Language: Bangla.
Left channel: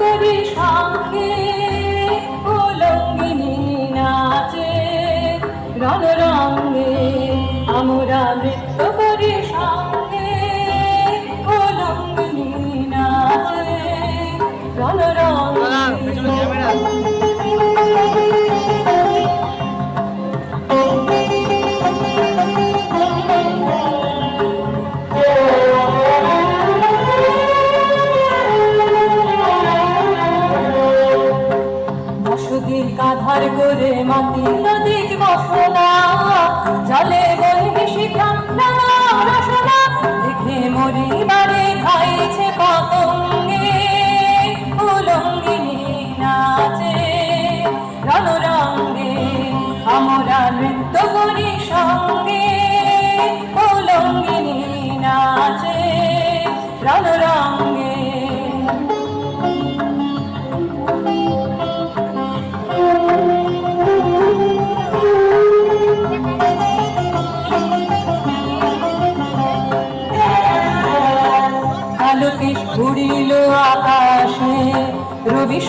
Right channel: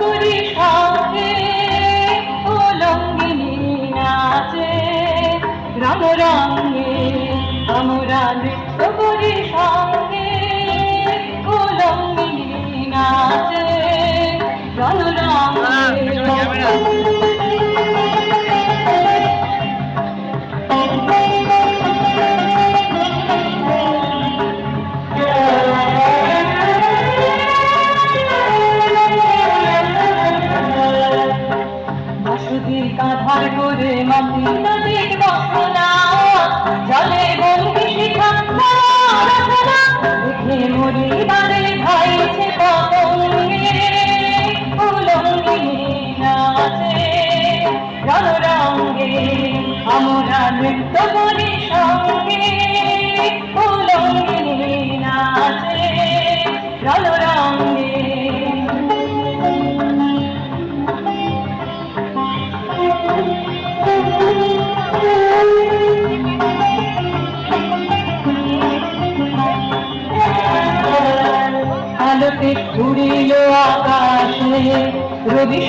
করি সঙ্গে উলঙ্গিনী নাচে রং রঙে আমরা নৃত্য করি সঙ্গে উলঙ্গিনী নাচে রং রঙে বসতির কাঁধার করে মাটি নদীর বসনা জলে বন্দি শিখা রসনা দেখে মরি বারে ভাইছে পতঙ্গে উলঙ্গিনী নাচে রণ রঙ্গে আমরা নৃত্য করি সঙ্গে উলঙ্গিনী নাচে রণ রঙ্গে আলোকে ঘুরিল আকাশে রবি